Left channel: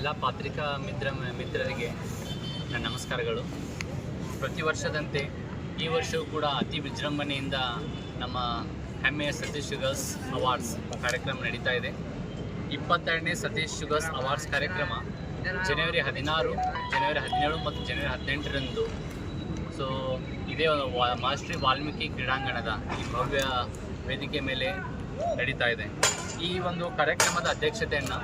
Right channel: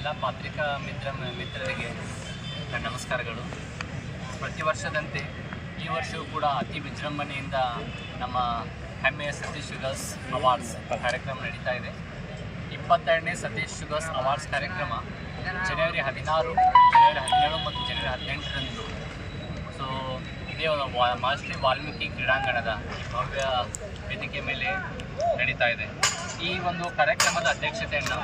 ಎಲ್ಲ ಪತ್ರಿಕಾ ಮಿತ್ರರಿಗೆ ನನ್ನ ನಮಸ್ಕಾರಗಳು. ಪ್ರತಿ ವರ್ಷದಂತೆ ಈ ವರ್ಷವೂ ಕೂಡ ಅತಿ ವಿಜೃಂಭಣೆಯಿಂದ ನಮ್ಮ ಹೆಮ್ಮೆಯ ಸತೀಶ್ ಶುಗರ್ಸ್ ಅವಾರ್ಡ್ಸ್ ಕಾರ್ಯಕ್ರಮ ನಡೀತಾ ಇದೆ. 22ನೇ ಸತೀಶ್ ಶುಗರ್ಸ್ ಅವಾರ್ಡ್ಸ್ ಕಾರ್ಯಕ್ರಮ ಜನವರಿ 16, ಜನವರಿ 17 ಮತ್ತು ಜನವರಿ 18ರಂದು ಸೊ ಇದೇ ಮಹರ್ಷಿ ವಾಲ್ಮೀಕಿ ಕ್ರೀಡಾಂಗಣದ ಈ ಭವ್ಯ ವೇದಿಕೆ ಮೇಲೆ ನಡೀತಾ ಇದೆ. ಈ ಒಂದು ಕಾರ್ಯಕ್ರಮದ ಅಧ್ಯಕ್ಷತೆಯನ್ನು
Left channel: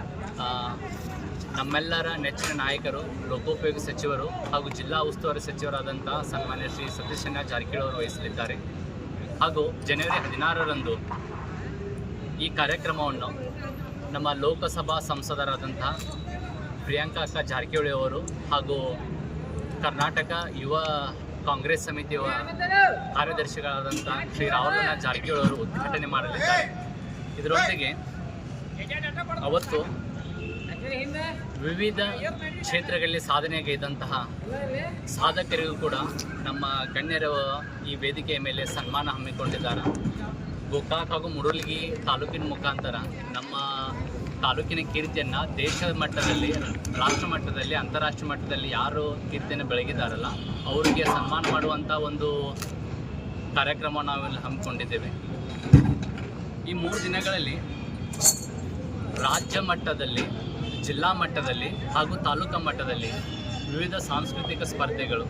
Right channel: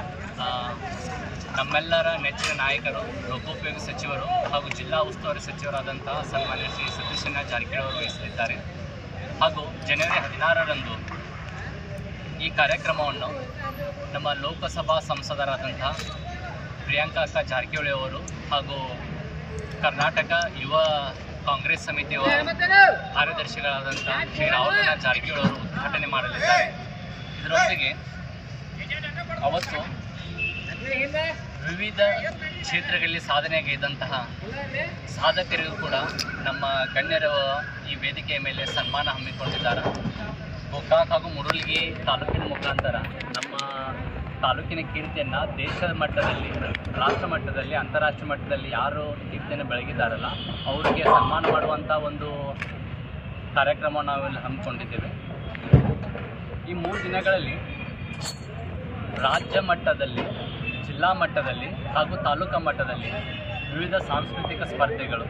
ನಮ್ಮೆಲ್ಲರ ನೆಚ್ಚಿನ ನಾಯಕರು, ಲೋಕೋಪಯೋಗಿ ಸಚಿವರು ಹಾಗೂ ಜಿಲ್ಲಾ ಉಸ್ತುವಾರಿ ಸಚಿವರಾದಂತಹ ಸನ್ಮಾನ್ಯ ಶ್ರೀ ಸತೀಶಣ್ಣ ಜಾರಕಿಹೊಳಿ ಅವರು ವಹಿಸಲಿದ್ದಾರೆ. ಹಾಗೂ ಜನವರಿ 16ರಂದು ಈ ಕಾರ್ಯಕ್ರಮವನ್ನು ನಮ್ಮ ಲೋಕಸಭಾ ಸಂಸದರಾದಂತಹ ಪ್ರಿಯಾಂಕಾ ಅಕ್ಕ ಜಾರಕಿಹೊಳಿ ಅವರು ಹಾಗೂ ಕರ್ನಾಟಕ ಯುವ ಕಾಂಗ್ರೆಸ್ ಸಮಿತಿಯ ಕಾರ್ಯದರ್ಶಿಗಳಾದಂಥ ಶ್ರೀ ರಾಹುಲ್ ಜಾರಕಿಹೊಳಿ ಅವರು ಉದ್ಘಾಟನೆ ಮಾಡಲಿದ್ದಾರೆ. ಇದರೊಂದಿಗೆ ಅವತ್ತು ವಿವಿಧ ಕ್ಷೇತ್ರಗಳಲ್ಲಿ ಸಾಧನೆಗೈದಂತಹ ಸಾಧಕರಿಗೂ ಕೂಡ ನಮ್ಮ ಗಣ್ಯರ ಈ ವೇದಿಕೆಯ ಮೇಲೆ ಸನ್ಮಾನ ಹಮ್ಮಿಕೊಂಡಿದ್ದಾರೆ. ಗೋಕಾಕ್ ಹಾಗೂ ಮುರುಳ್ಗಿ ತಾಲೂಕಿನ ಮುಖಾಂತರ ನಮ್ಮ ತಾಲೂಕಿನ ಕೀರ್ತಿಯನ್ನು ದೇಶದ ಮಟ್ಟದಲ್ಲಿ, ರಾಷ್ಟ್ರ ಮಟ್ಟದಲ್ಲಿ, ಅಂತಾರಾಷ್ಟ್ರೀಯ ಮಟ್ಟದಲ್ಲಿ ಯಾರು ಕೀರ್ತಿಯನ್ನು ಬೆಳಗಿದ್ದಾರಲ್ಲ ಅವರಿಗೆ ಸನ್ಮಾನ ಮಾಡುವಂಥ ಒಂದು ಕಾರ್ಯಕ್ರಮವನ್ನು ನಾವಿಲ್ಲಿ ಹಮ್ಮಿಕೊಂಡಿದ್ದೇವೆ. ಈ 3 ದಿನಗಳಲ್ಲಿ ರಾಜ್ಯ ಮಟ್ಟದಲ್ಲಿ, ಜಿಲ್ಲಾ ಮಟ್ಟದಲ್ಲಿ ಹಾಗೂ ತಾಲೂಕಾ ಮಟ್ಟದಲ್ಲಿ ವಿವಿಧ ಸಾಂಸ್ಕೃತಿಕ ಸ್ಪರ್ಧೆಗಳು,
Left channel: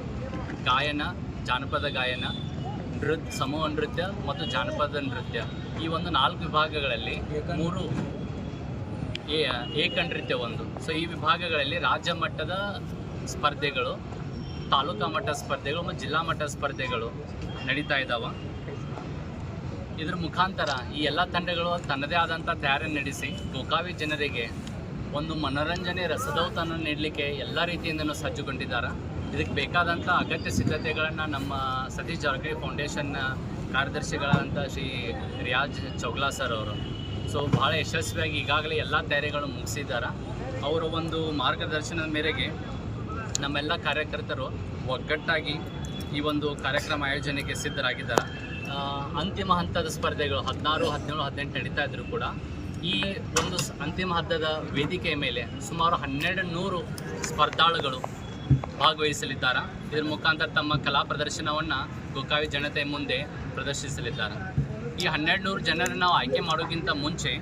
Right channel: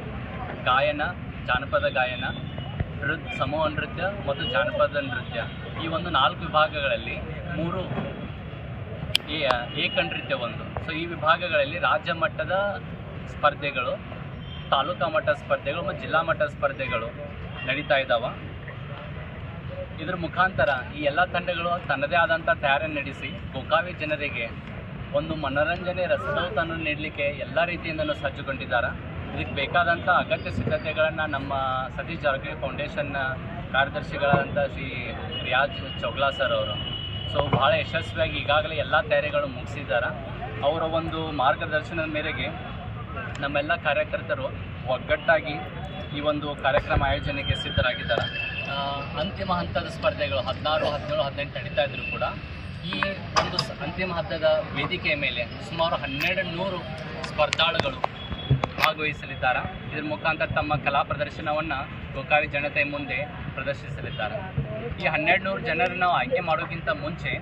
ಗಾಯನ, ಜಾನಪದ ಗಾಯನ, ಸಮೂಹ ನೃತ್ಯ ಮತ್ತು ಜಾನಪದ ನೃತ್ಯ, ಈ ಒಂದು 4 ವಿಭಾಗಗಳಲ್ಲಿ 3 ಏಕ ನೃತ್ಯ ಒಂದು. ಸೊ ಈ ವಿಭಾಗಗಳಲ್ಲಿ ರಾಜ್ಯ ಮಟ್ಟದ ಸ್ಪರ್ಧೆಗಳು, ತಾಲೂಕಾ ಮಟ್ಟದ ಸ್ಪರ್ಧೆಗಳು ಮತ್ತು ಜಿಲ್ಲಾ ಮಟ್ಟದ ಸ್ಪರ್ಧೆಗಳು ನಡೀತಾ ಇದ್ದಾವೆ. ಇದರ ಮುಖಾಂತರ ಈ ಎಲ್ಲ ತಂಡಗಳು ತನ್ನದೇ ಆದಂಥ ತಯಾರಿಯನ್ನು ನಡೆಸಿ ಗೋಕಾವಿ ಜನರಿಗೆ ಒಂದು ಮನೋರಂಜನೆ ರಸದೌತನ್ನು ನೀಡಲಿಕ್ಕೆ ಎಲ್ಲ ರೀತಿಯಿಂದಲೂ ಸಜ್ಜುಗೊಂಡಿದ್ದಾರೆ. ಇದಕ್ಕೆ ಬೇಕಾದಂಥ ಅಗತ್ಯ ಸಿದ್ಧತೆಗಳನ್ನು ನಮ್ಮ ಸತೀಶ್ ಜಾರಕಿಹೊಳಿ ಫೌಂಡೇಶನ್ನ ಕಾರ್ಯದರ್ಶಿಗಳಾದಂಥ ಶ್ರೀ ರಿಯಾಜ್ ಚೌಗ್ಲಾ ಸರ್ ಅವರು ಸೊ ಭಾಳ ಯಶಸ್ವಿಯಾಗಿ ಈಗಾಗಲೇ ಎಲ್ಲ ತಯಾರಿಗಳು ಮುಗಿಸಿದ್ದಾರೆ. ಅವರ ಒಂದು ಮಾರ್ಗದರ್ಶನದ ಮೇರೆಗೆ ನಮ್ಮೆಲ್ಲ ಕಾರ್ಯಕರ್ತರು ಒಗ್ಗಟ್ಟಾಗಿ ಈ ಒಂದು ಕಾರ್ಯಕ್ರಮ ಆಯೋಜನೆಗೆ ಸಿದ್ಧರಾಗಿದ್ದಾರೆ. ಅಂತಿಮ ಹಂತದ ಸ್ಪರ್ಧೆಗಳು 16, 17, 18 ನಡೀತಾ ಇದ್ದರೂ ಕೂಡ ಈ ಒಂದು ಅಂತಿಮ ಹಂತದ ವೇದಿಕೆಯ ಮೇಲೆ ಸುಮಾರು 1200 ಸ್ಪರ್ಧಾಳುಗಳು ಭಾಗವಹಿಸಲಿದ್ದಾರೆ. ಇದರ ಮುಖಾಂತರ ತಮ್ಮ ಕಲಾ ಪ್ರದರ್ಶನವನ್ನು ಗೋಕಾವಿ ಜನತೆಯ ಮುಂದೆ ಪ್ರದರ್ಶಿಸಲಿದ್ದಾರೆ. ಈ 1200 ಜನರನ್ನು ನಾವು ಆಯ್ಕೆ ಮಾಡೋಕ್ಕಿಂತ ಮುಂಚೆ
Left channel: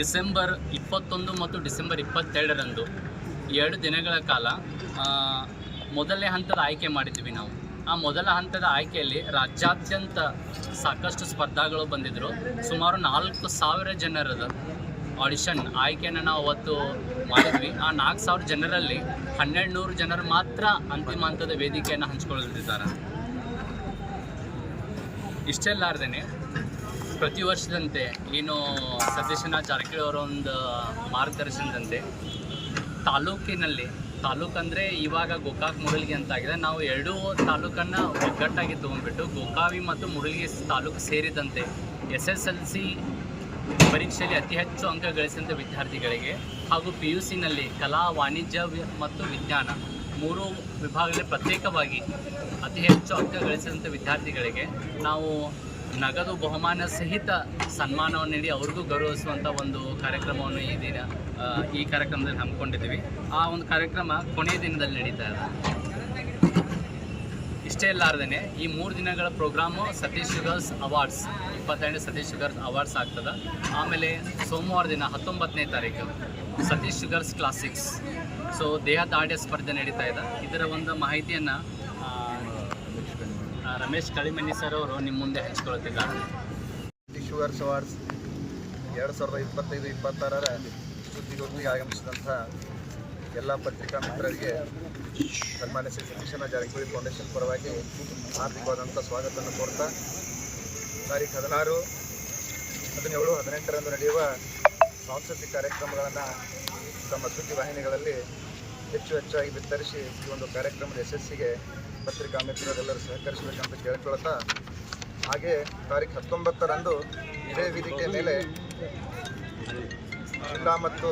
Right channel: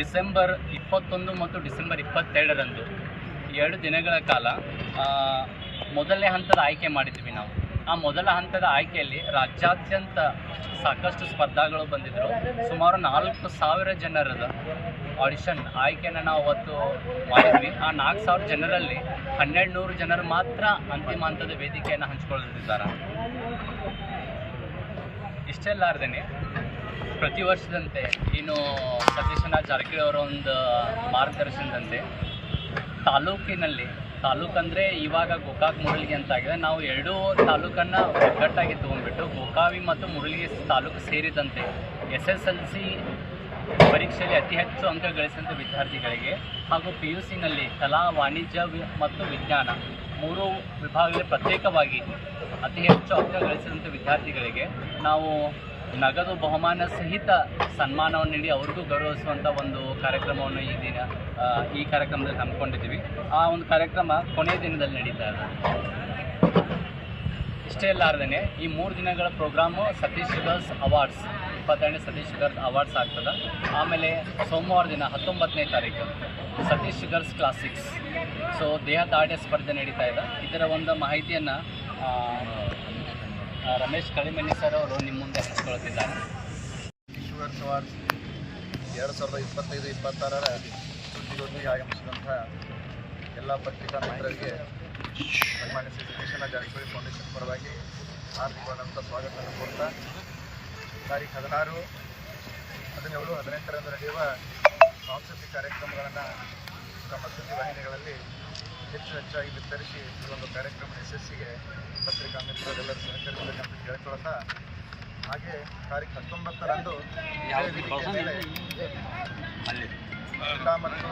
ಡಿಸೆಂಬರ್ 21 ಮತ್ತು ಡಿಸೆಂಬರ್ 22ರಂದು 2 ದಿನಗಳ ಕಾಲ ಮೊದಲನೇ ಹಂತದ ಆಯ್ಕೆ ಮಾಡಿದ್ವಿ ನಾವು. ಆ ಮೊದಲ ಹಂತದ ಆಯ್ಕೆಯಲ್ಲಿ ರಾಜ್ಯಾದ್ಯಂತ ಸಾಕಷ್ಟು ಸ್ಪರ್ಧಾಗಳು ಬಂದಿದ್ದರು. ಸುಮಾರು 4000 ಜನರದ ಆಡಿಷನ್ ಆಯ್ಕೆಯನ್ನು ನಾವು ಅವತ್ತು ಮಾಡಿದ್ವಿ. ಆ 4000 ಜನರಲ್ಲಿ 1200 ಜನರು ಮಾತ್ರ ಅಂತಿಮ ಹಂತದ ವೇದಿಕೆಯನ್ನು ಹಂಚಿಕೊಳ್ಳುತ್ತಿದ್ದಾರೆ. ಇಷ್ಟೆಲ್ಲಾರ್ದೇ ಪ್ರತಿ ವರ್ಷದಂತೆ ಏನು ಸತೀಶಣ್ಣ ಜಾರಕಿಹೊಳಿ ಅವರ ಒಂದು ಮಾರ್ಗದರ್ಶನದಂತೆ ತಾಲೂಕಂದರೆ ಇವಾಗ ಗೋಕಾಕ್ ಮುರುಳ್ಗಿ ಅಂತ ಆಗಿದೆ. ನಾವು 2 ತಾಲೂಕನ್ನು ಒಗ್ಗಟ್ಟಾಗಿ ತೊಗೊಂಡ್ಬಿಟ್ಟು ಗೋಕಾವಿ ಮತ್ತು ಮುರುಳ್ಗಿ ತಾಲೂಕು ಸೇರಿದಂತೆ SSLC ಪರೀಕ್ಷೆಯಲ್ಲಿ ಅತಿ ಹೆಚ್ಚು ಅಂಕ ಗಳಿಸಿದಂಥ ವಿದ್ಯಾರ್ಥಿಗಳಿಗೆ ಹಾಗೂ PUCನಲ್ಲಿ ಕಲಾ, ವಾಣಿಜ್ಯ ಮತ್ತು ವಿಜ್ಞಾನ 3 ವಿಭಾಗದಲ್ಲಿ ಪ್ರತ್ಯೇಕವಾಗಿ ಅತಿ ಹೆಚ್ಚು ಅಂಕ ಗಳಿಸಿದಂಥ ವಿದ್ಯಾರ್ಥಿಗಳಿಗೆ ನಾವು ನಗದು ಬಹುಮಾನ ಸಹಿತ ಸನ್ಮಾನವನ್ನು ನೀಡಿ ಅವ್ರಿಗೂ ಗೌರವಿಸುವಂಥ ಒಂದು ಕಾರ್ಯಕ್ರಮವನ್ನು ಈ ಕಾರ್ಯಕ್ರಮದಲ್ಲಿ ಹಮ್ಮಿಕೊಂಡಿದ್ದೀವಿ. ಆ ಒಂದು ಕಾರ್ಯಕ್ರಮ ಕೊನೆಯ ದಿನದಲ್ಲಿ ನಡೀತಾ ಇದೆ. ಇಷ್ಟೇ ಅಲ್ಲಾರ್ದೇ ಈ 3 ದಿನಗಳ ಪ್ರೋಗ್ರಾಮು ಸತೀಶ್ ಶುಗರ್ಸ್ ಅವಾರ್ಡ್ಸ್ 22ನೇ ಸತೀಶ್ ಶುಗರ್ಸ್ ಅವಾರ್ಡ್ಸ್ ಆಗ್ತದೆ. ಆಮೇಲೆ ಸೋಮವಾರ ದಿನ 19ನೇ ತಾರೀಕು ಸತೀಶ್ ಶುಗರ್ಸ್ ಕ್ಲಾಸಿಕ್ಸ್ ಸೊ ದೇಹದಾಢ್ಯ ಸ್ಪರ್ಧೆ ನಡೀತಾ ಇದೆ. ಇದರ ಒಂದು ಮಾಹಿತಿಯನ್ನು ರಮೇಶ್ ಕಳಿಮನಿ ಸರ್ ಅವರು ನಿಮ್ಮ ಮುಂದೆ ಹಂಚಿಕೊಳ್ಳುತ್ತಿದ್ದಾರೆ. ಶುಗರ್ಸ್ ಅವಾರ್ಡ್ಸ್ 2025-26ರ ಸುದ್ದಿಗೋಷ್ಠಿಗೆ ಆಗಮಿಸಿದಂಥ ಎಲ್ಲ ಪತ್ರಿಕಾ ಮಿತ್ರರಿಗೆ ಸನ್ಮಾನ್ಯ ಶ್ರೀ ಸತೀಶಣ್ಣ ಜಾರಕಿಹೊಳಿ ಫೌಂಡೇಶನ್ ಪರವಾಗಿ ಹಾರ್ದಿಕವಾದಂಥ ಸ್ವಾಗತವನ್ನು ಕೋರ್ತಾ ತಾರೀಖು 16, 17, 18ರಂದು ನಡೆಯುವ ಸಾಂಸ್ಕೃತಿಕ ಕಾರ್ಯಕ್ರಮಗಳನ್ನು ತಮ್ಮ ಸುದ್ದಿ ವಾಹಿನಿಗಳಲ್ಲಿ ಹೆಚ್ಚಾಗಿ ಬಿತ್ತರಿಸಿ ಈ ಒಂದು ಕಾರ್ಯಕ್ರಮದ ಯಶಸ್ಸಿಗೆ ಪತ್ರಿಕಾ ಮಿತ್ರರೆಲ್ಲರೂ ಸಹಕರಿಸಬೇಕಂತ ಕೇಳ್ಕೊಳ್ತಾ, ಹಾಗೆ ತಾರೀಖು 19ರಂದು ಇದೇ ವೇದಿಕೆ ಮೇಲೆ ಜಿಲ್ಲಾ ಮತ್ತು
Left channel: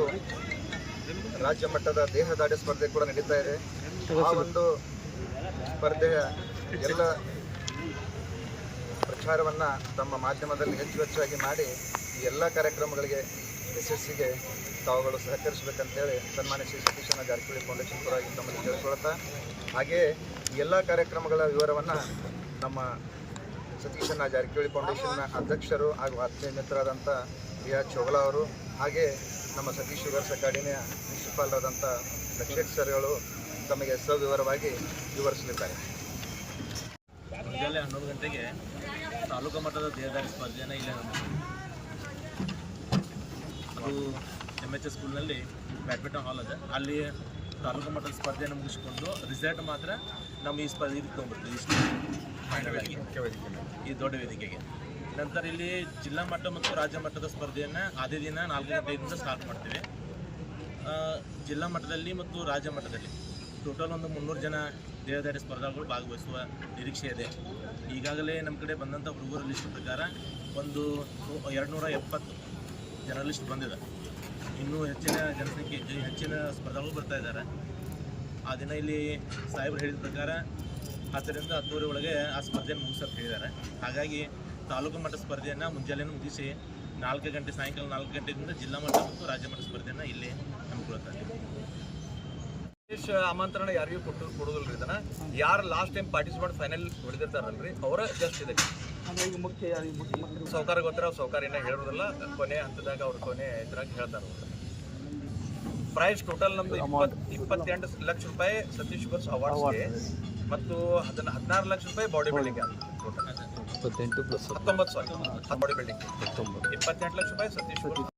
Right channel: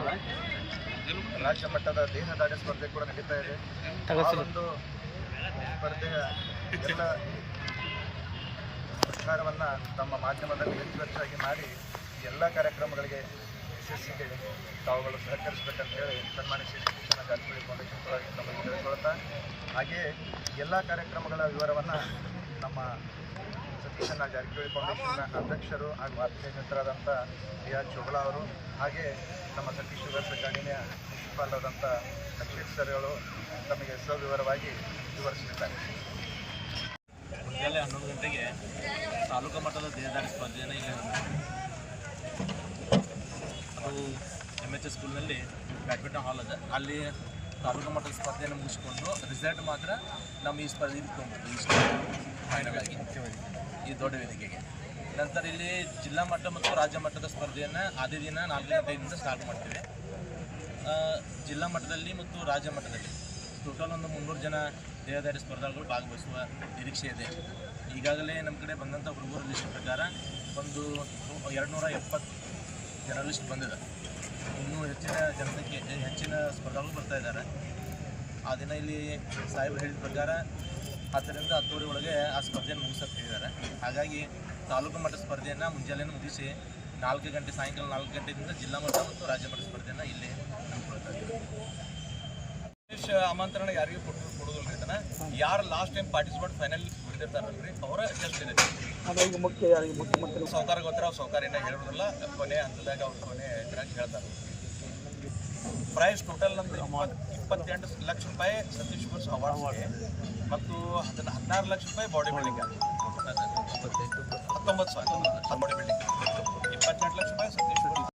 ರಾಜ್ಯ ಮಟ್ಟದ ದೇಹದಾಢ್ಯ ಸ್ಪರ್ಧೆ ಕೂಡ ನಡೀತಾ ಇದೆ. ಆ ಒಂದು ಸ್ಪರ್ಧೆಯ ಎಲ್ಲ ಪ್ರಚಾರವನ್ನು ತಮ್ಮ ಮಾಧ್ಯಮದಲ್ಲಿ ಹೆಚ್ಚಾಗಿ ಮಾಡಿ ಈ ಎಲ್ಲ ಕಾರ್ಯಕ್ರಮಗಳಿಗೆ ಯಶಸ್ಸಿಗೆ ತಾವುಗಳು ಸಹಕರಿಸಬೇಕಂತೇಳಿ ಸನ್ಮಾನ್ಯ ಶ್ರೀ ಸತೀಶಣ್ಣ ಜಾರಕಿಹೊಳಿ ಫೌಂಡೇಶನ್ ಕೂಡ ತಮ್ಮಲ್ಲಿ ಕೇಳಿಕೊಳ್ತಾ, ಹಾಗೆಯೇ ಈ ಎಲ್ಲ ಕಾರ್ಯಕ್ರಮಗಳ ವಿವರವನ್ನು ನಮ್ಮ ಸತೀಶಣ್ಣ ಜಾರಕಿಹೊಳಿ ಫೌಂಡೇಶನ್ನ ಅಧ್ಯಕ್ಷರು ಹಾಗೂ ಆತ್ಮೀಯ ಮಿತ್ರರಾದಂಥ ರಿಯಾಜ್ ಚೋಗಲಾ ಅವರು, ಹಾಗೆ ನಮ್ಮ ಸತೀಶ್ ಶುಗರ್ಸ್ ಅಕಾಡೆಮಿಯ ಪ್ರಿನ್ಸಿಪಾಲ್ ಆದಂಥ ಲಕ್ಷೇಟ್ ಸರ್ಗಳು ತಮಗೆ ಸವಿವರವಾಗಿ ವಿವರಿಸಲಿದ್ದಾರೆ. ಮುಂಜಾನೆ 11 ಗಂಟೆಗೆ ತಾಲೂಕು ಮಟ್ಟದ ದೇಹದಾರಿ ಸ್ಪರ್ಧೆಯನ್ನು ಈಗ ಅದು MHS ಸ್ಕೂಲ್ನಲ್ಲಿ ಬ್ಯಾಡ್ಮಿಂಟನ್ ಹಾಲ್ ಇದೆ. ಅಲ್ಲಿ ತಾಲೂಕು ಮಟ್ಟದ ಸ್ಪರ್ಧೆಯನ್ನು ಮುಗಿಸ್ಕೊಂಡು ರಿಸಲ್ಟ್ ಮಾತ್ರ ನಮ್ಮ ಈ ಸ್ಪರ್ಧೆ ತೊಗೊಂಡ್ಬಿಡ್ತೀವಿ ಇಷ್ಟು ಫೈನಲ್ ಆಗಿ ಮುಖ್ಯ ವೇದಿಕೆ ಈ ದೊಡ್ಡ ವೇದಿಕೆಗೆ. ನಂತರ ಇಲ್ಲಿ ಜಿಲ್ಲಾ ಮಟ್ಟ ಮತ್ತು ರಾಜ್ಯ ಮಟ್ಟದ ಸ್ಪರ್ಧೆಯನ್ನು ಆದೇ ದಿನ 4 ಗಂಟೆಯಿಂದ ಸ್ಟಾರ್ಟ್ ಮಾಡ್ತೀವಿ. ಜಿಲ್ಲಾ ಮಟ್ಟದಲ್ಲಿ ಮತ್ತು ರಾಜ್ಯ ಮಟ್ಟದಲ್ಲಿ ಟೋಟಲ್ ಒಂದು 300 ಜನ ದೇಹದಾರಿ ಸ್ಪರ್ಧಾಗಳು ಭಾಗವಹಿಸುವ ನಿರೀಕ್ಷೆ ಇದೆ. ಈಗಾಗಲೇ ನಮ್ಮ ಕಡೆ ಬಂದಂಥ ಹುಡುಗರ ಲಿಸ್ಟ್ ಪ್ರಕಾರ ಒಂದು 270 ಜನರ ಲಿಸ್ಟ್ ಬಂದಿದೆ. ಇನ್ನೂ ಹೆಚ್ಚಿನ ಜನಸಂಖ್ಯೆ ಹೆಚ್ಚಿನ ಸ್ಪರ್ಧಾಗಳು ಬರ್ತಾ ಇದ್ದಾರೆ. ಆ ದಿನ ಇಲ್ಲಿ ಸಾಹೇಬರು ಹೇಳಿದ ಪ್ರಕಾರ 10ರಿಂದ 10:30 ಒಳಗೆ ಆ ಸ್ಪರ್ಧೆಯನ್ನು ಮುಗಿಸೋಕೆ ಹೇಳಿದ್ದಾರೆ. ಹಾಗಾಗಿ ತಾಲೂಕು ಮಟ್ಟ ಸ್ಪರ್ಧೆಯನ್ನು ಮುಂಜಾನೆ ಮುಗಿಸಿ 4 ಗಂಟೆ ಸಾಯಂಕಾಲ 4 ಗಂಟೆಯಿಂದ ಜಿಲ್ಲಾ ಮಟ್ಟ ಮತ್ತು ರಾಜ್ಯ ಮಟ್ಟ ಸ್ಪರ್ಧೆಯನ್ನು ಇಲ್ಲಿ ಹಮ್ಮಿಕೊಳ್ತಾ ಇದ್ದೀವಿ. ವಿಶೇಷ ಆಮಂತ್ರಣ ಯಾರಿಗೂ ಕೊಡೋದಿಲ್ಲ. ಇದನ್ನ ಯಾರು ಲಾಸ್ಟ್ ಟೈಮ್ ಪಾರ್ಟಿಸಿಪೇಟ್ ಫೈನಲ್ ಹೊಡೆದಿರ್ತಾರಲ್ರಿ ಅವರ ಜಸ್ಟ್ ಇದೆ. ಸೌಕಾರ ಗೊತ್ತರ ಸೌಕಾರ್ಯನ ಹೇಳೋದಿಲ್ಲ, ಕೊನೆ ಹಂತದಾಗ ಅವ್ರ ಕೊನೆ ಇದ್ರಾಗ ಹೇಳ್ತಾರೆ. ಪ್ರೈಸ್ ಟೋಟಲ್ ನಮ್ದು 28 ಲಕ್ಷ ರೂಪಾಯಿ ಸತೀಶ್ ಶುಗರ್ಸ್ ಅವಾರ್ಡ್ಸ್ಗೆ ಮತ್ತು 16 ಲಕ್ಷ ರೂಪಾಯಿ body building total 19 body building 28 lakh ರೂಪಾಯಿ ಸತೀಶ್ ಶುಗರ್ಸ್